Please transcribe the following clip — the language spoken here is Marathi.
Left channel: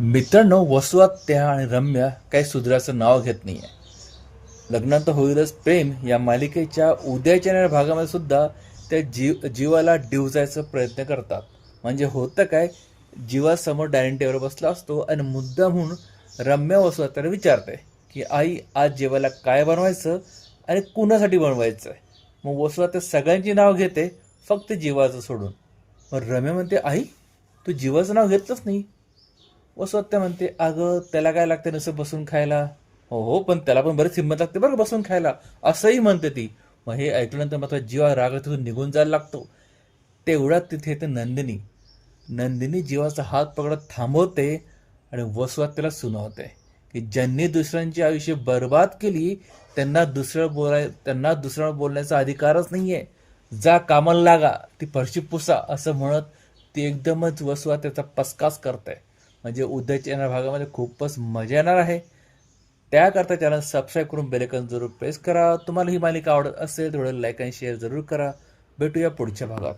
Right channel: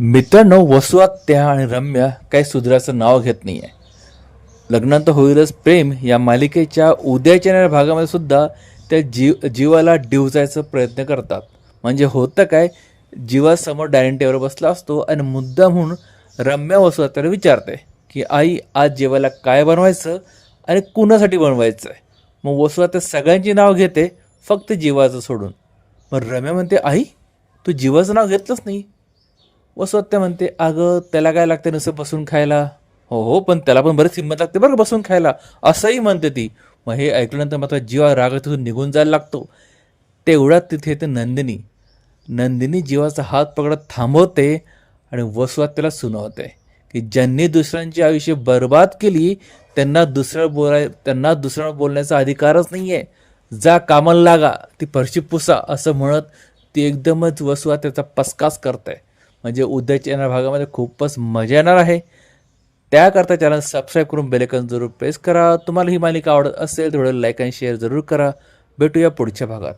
मित्रांनो वसुआत्या आणि रम्या काही सुधराचं नाव घेत नाही आहे लग्नात होईलच प्रेम या मालिकेच्या उद्याच्या येणाऱ्या भागामध्ये सुद्धा त्या जीव जीवाला डिवचायचा प्रयत्न करतात. म्हणजे होतं काय जीवासमोर डायनिंग टेबलवर बसला असतो आणि मुद्दा म्हणून रम्या वसुआत्याला विचारते की आई आज जेवायला काय बनवायचं आणि कुणासाठी बनवायचं आहे मग वसुआत्या सगळ्यांची नाव घेते फक्त जीवाचं सोडून. मग रम्या म्हणते आई तू जीवाचं नाव घेतलंच नाही. वसुहत्या म्हणते अगं त्याला काय लागते नुसतं बसून खायला? हो हो पण त्याला पण बरीच हिंमत लागते बरं बसून खायला. असंही म्हणते ती. मग हे ऐकल्यानंतर मात्र जीवा राग तिथून निघून जायला लागतो. तेवढ्यात तिथे येते नंदिनी. नंदिनी जीवाचा हात पकडत थांबवते आणि वसुहत्याला सुनावते की ज्यांनी दुसऱ्यांची आयुष्य बर्बाद केली त्यांना दुसऱ्या बोलाय त्यांना दुसऱ्या बोलण्याचा अधिकारच नाही आहे जा कामाला लागा ती फरशी पुसा असं म्हणत ती एकदमच वसुहत्याचा पसकास करते. म्हणजे उद्याच्या येणाऱ्या भागामध्ये खूपच मजा येणार आहे. त्याकरता चॅनल सबस्क्राईब करून बेलेकन जरूर प्रेस करा. तुम्हाला ही मालिका आवडत असेल तर लाईक आणि शेअर जरूर करा. भेटूया पुढच्या भागात.